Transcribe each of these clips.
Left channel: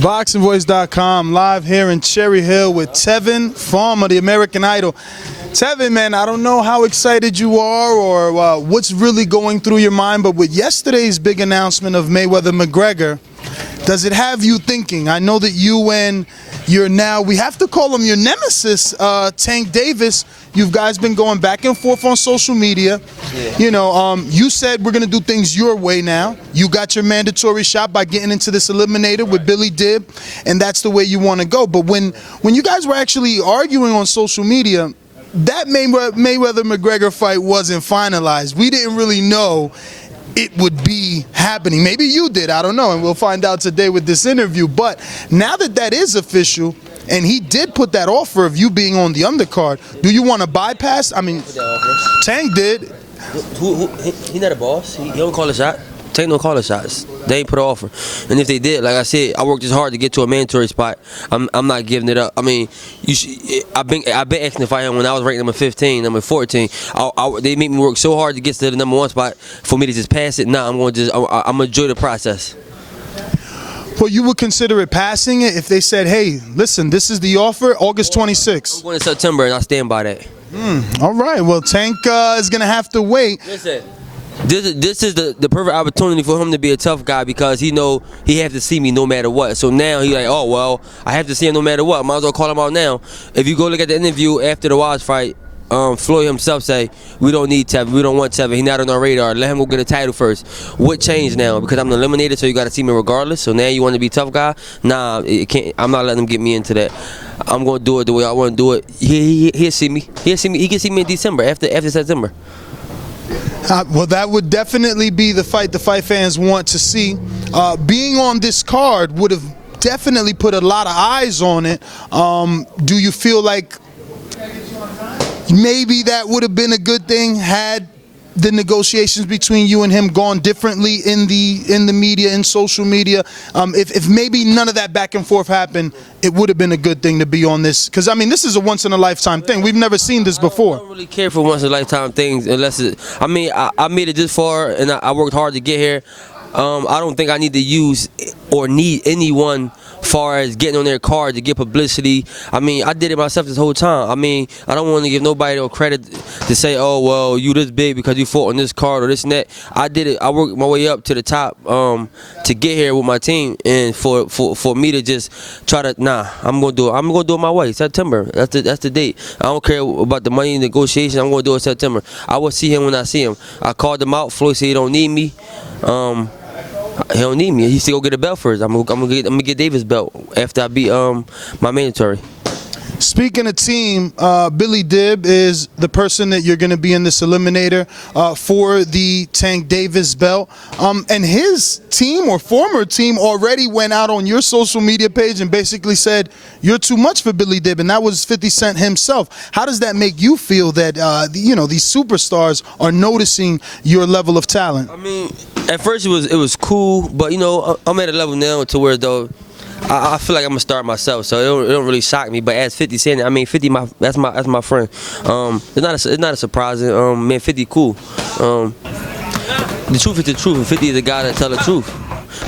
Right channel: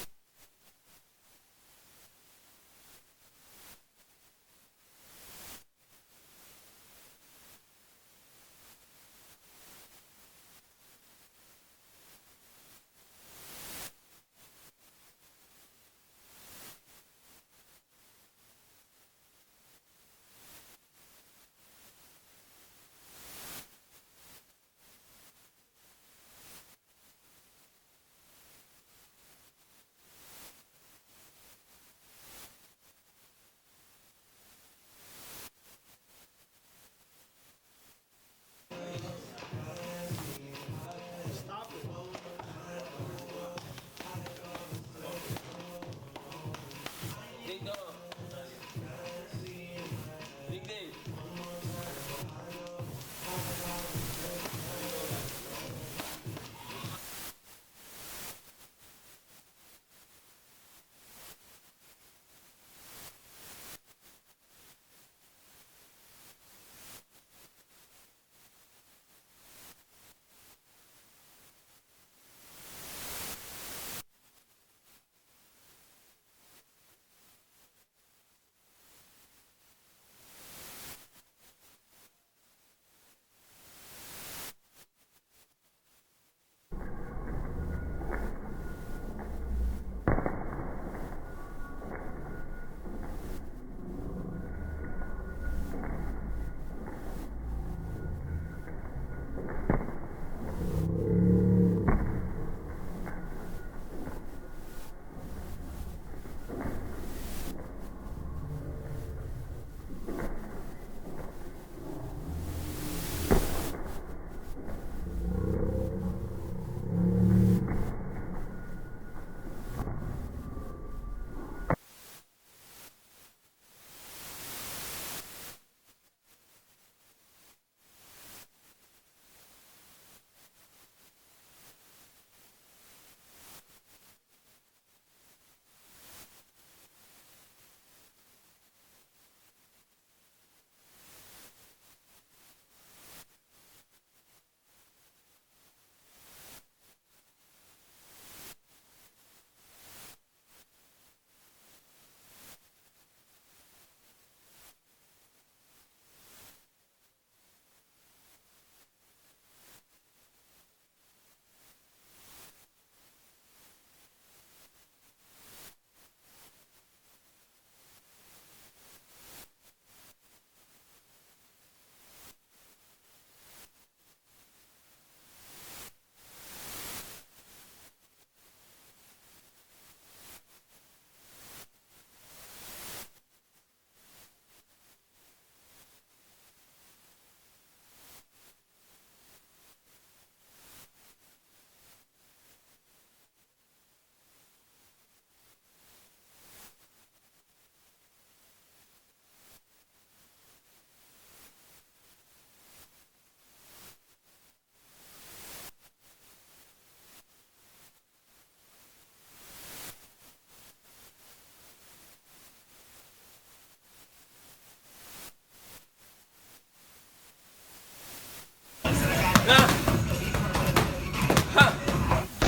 ThaBoxingvoice.com, live here in Cherry Hill with Tevin from the American Idol. Tevin, man, I don't know how excited you are or what's really going through your mind, but with yesterday's big announcement of Mayweather-McGregor, does it have you thinking? I know that you and your now, we have to call him your nemesis, Tank Davis, you guys been going back and forth on social media. Yeah. You know, you said we're going to do things your way now. You got your mandatory shot by getting into this eliminator with Billy Dib, and that's the way you want to go. But when you guys were actually arguing on social media, that Mayweather-McGregor fight wasn't finalized. We didn't really know it would be happening. Maybe you did, I don't know, and we'll find out today with this interview. But now that that is official, and he did put that offer of you being on the undercard, do you want to bypass? I mean, Tank did. He not a boss. He don't call a shot. Tank don't call the shots. They ain't put an offer. And if they did, like I said, I worked as hard to get to a mandatory spot. I'm not giving it up. I mean, I've been asking to fight him when I was ranked number 15, number 14. They made me work so hard to get to the number 1 spot for me to just pass it. Nah, I'm gonna enjoy the process. Well, you would consider it passing it if they said, hey, listen, this is the offer, August 26th. I'm going in September, and I stand by that. All right. Well, Tank is going to have to wait. Listen, this is the perfect opportunity for him to be a tough guy because he know he have to see me no matter what. So now he like, oh, well, I have to see him no matter what. Might as well call him out now. If you go look at the interview after the Watch fight, Floyd himself say, we don't need Tevin, we don't want Tevin, he's not on our radar, let him go get a title first. What changed now? Because I'm eliminated, so you got to see me regardless. So now you want to be a tough guy? Nah, it can't. I'm not letting him get me into that. I'm going to do it the way I want to do it. He'll see me. He'll see me. He can see me in December, after September. Well, that would definitely be the fight fans want to see. Being on this card would have definitely put a lot of eyes on it. Do you feel like maybe that would have been a good thing had the negotiations between you and him gone differently in the media, in social media? If maybe none of that back and forth happened, it would have been a good thing to be on this. Because, I mean, this is a once-in-a-lifetime thing. We've never seen this before. I don't really care for once-in-a-lifetime things unless it, I mean, I made it this far, and I worked hard to get here. I don't think I need to use or need anyone far as getting on their card to get publicity. I mean, I did it myself this whole time. I mean, I don't want to give nobody no credit to say, oh, well, you this big because you fought on this card or this and that. I did it. I worked my way up to the top to get here with my team, and for me to just try to, nah, I'm gonna do it. I'm gonna do it my way. September. That's the date. I don't care about the money negotiation. I'm gonna do it September. I will see him when I see him. I called him out. Floyd said he don't need me. He don't need me. He said go get a belt first. I'm gonna get Davis' belt after I beat my mandatory. Speaking of team, Billy Dib is the person that you're going to be in this eliminator for the Tank Davis belt. And his team or former team already went out on your social media page and basically said, you're too much for Billy Dib, and that was 50 Cent himself. How does that make you feel that, you know, these superstars are noticing your level of talent? I mean, at first it was cool, but, you know, I'm at a level now to where, though, I feel like I'm gonna start myself, so it don't really shock me. But as 50 Cent, I mean, 50, that's my friend. It's not a surprise. Man, 50 cool. The truth is the truth, and 50 is the guy that tell the truth.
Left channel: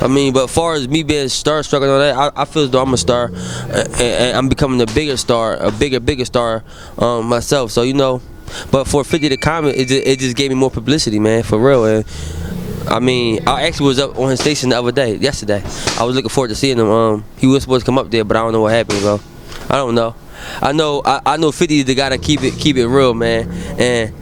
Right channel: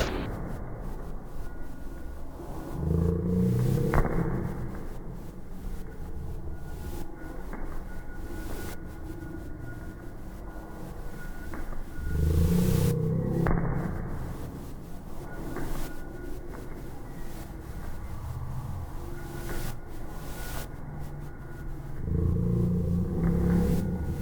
I mean, but as far as me being starstruck and all that, I feel as though I'm a star, and I'm becoming a bigger star, a bigger star myself. So, you know, but for 50 to comment, it just gave me more publicity, man, for real. And I mean, I actually was up on his station the other day, yesterday. I was looking forward to seeing him. He was supposed to come up there, but I don't know what happened, bro. I don't know. I know 50 is the guy to keep it real, man. And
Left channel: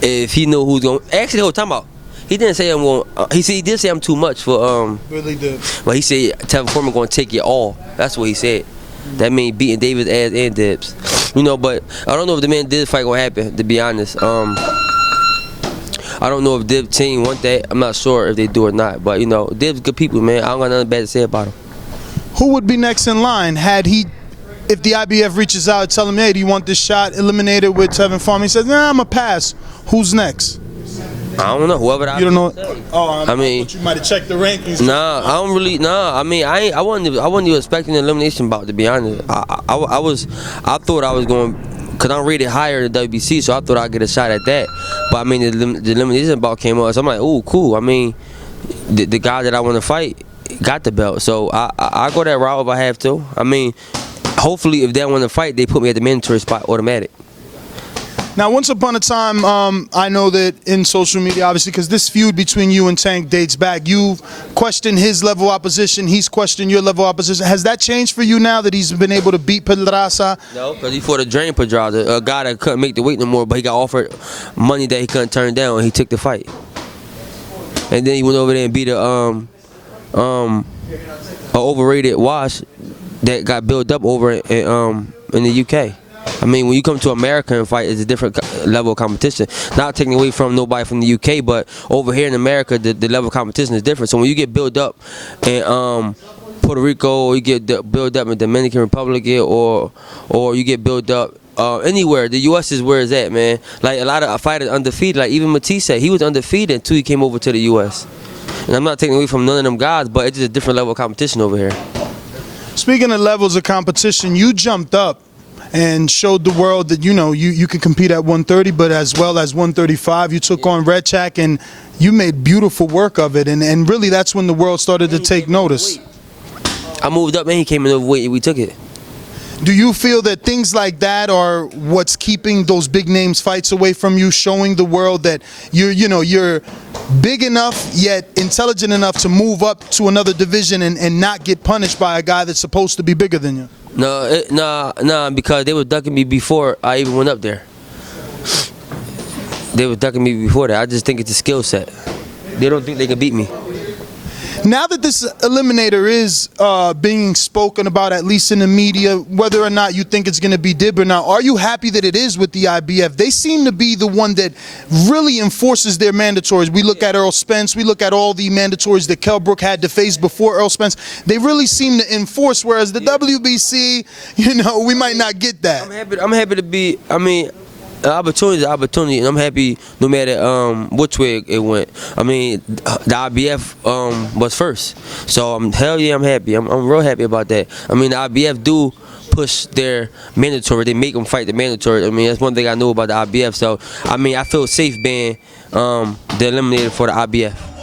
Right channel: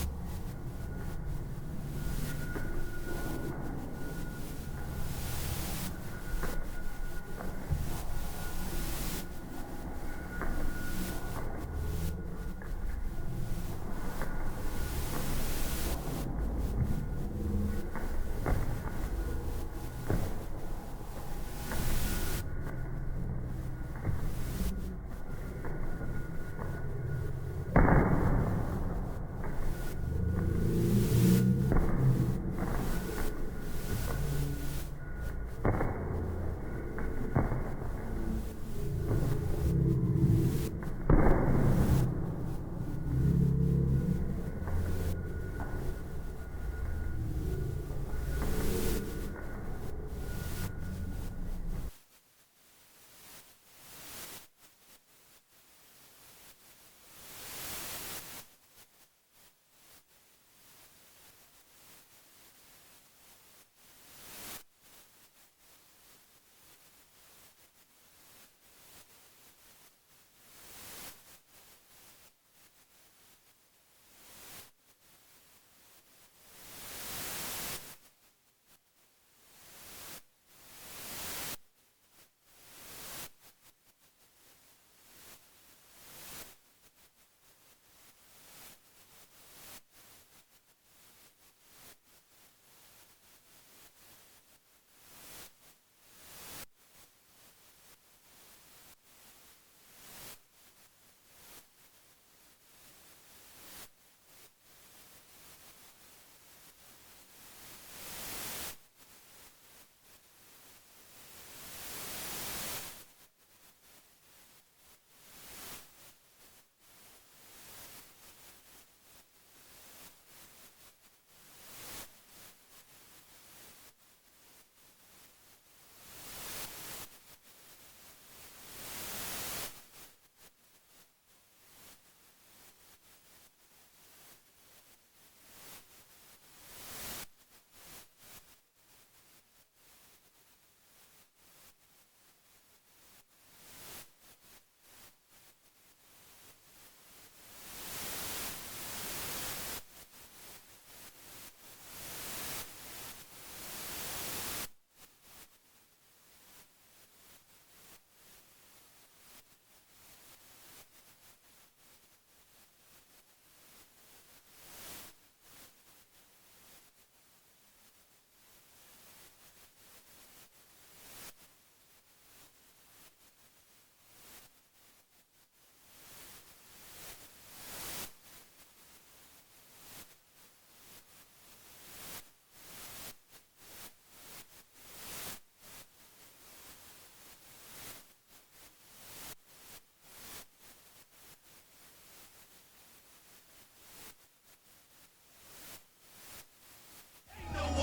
if he knew who's going, actually, hold time out. He didn't say I'm going. He did say I'm too much for. Really did. But he said Tevin Foreman going to take it all. That's what he said. That means beating Davis' ass and Dibs. You know, but I don't know if the man did fight gonna happen. To be honest. I don't know if Dib's team want that. I'm not sure if they do or not. But, you know, Dib's good people, man. I don't got nothing bad to say about him. Who would be next in line if the IBF reaches out and tell him, hey, do you want this shot eliminated with Tevin Foreman? He says, nah, I'm going to pass. Who's next? I don't know. Whoever that. You don't know? Oh, I mean, you might have checked the rankings. Nah, I don't really. Nah, I mean, I wasn't even expecting an elimination bout, to be honest. I thought I was going. Because I'm rated higher than WBC, so I thought I'd get a shot at that. But, I mean, the elimination bout came up, so I'm like, oh, cool. I mean, the guy that I want to fight, got the belt. So I go that route if I have to. I mean, hopefully if they want to fight, they put me at the mandatory spot automatic. Now, once upon a time, I know that in social media, obviously, because this feud between you and Tank dates back, you've questioned his level of opposition, he's questioned your level of opposition. Has that changed for you now that he's been able to beat Pedraza? No, because he fought a drain Pedraza, a guy that couldn't make the weight no more, but he got offered money that he couldn't turn down, and he took the fight. And then he went over there and beat a overrated Wash that got built up over in the UK. I mean, when you come to America and fight, it's a different level of competition. Not taking away from nobody from the UK, but over here in America, the level of competition is different. So when you get built up in Puerto Rico, or you get built up in Dominican Republic, or you get built up anywhere, the U.S. is where it's at, man. Like a lot of fighters undefeated. Like even Matisse, he was undefeated until he came over to the U.S. And I'm not taking away from none of them guys, but it's just a different level of competition over here. Speaking of levels of competition, you jumped up and showed the world that, you know, you could compete at 130, but as well as 135. You took on Redchak, and you made beautiful work of it. And really, that's when the world started to take notice. I moved up, and he came in overweight, and we took it. Do you feel that things like that are what's keeping those big names fights away from you, showing the world that you're big enough yet intelligent enough to move up to another division and not get punished by a guy that's supposed to be bigger than you? No, because they were ducking me before I even went up there. They were ducking me before that. I just think it's a skill set. They don't think they can beat me. Now that this eliminator is being spoken about, at least in the media, whether or not you think it's going to be Dib or not, are you happy that it is with the IBF? They seem to be the one that really enforces their mandatories. We look at Earl Spence, we look at all the mandatories that Kell Brook had to face before Earl Spence. They really seem to enforce, whereas the WBC, we might not get that. I'm happy to be, the opportunity is an opportunity, and I'm happy no matter which way it went. I mean, the IBF was first, so hell yeah, I'm happy. I'm real happy about that. I mean, the IBF do push their mandatory. They make them fight the mandatory. I mean, that's one thing I know about the IBF. So, I mean, I feel safe being the eliminator for the IBF.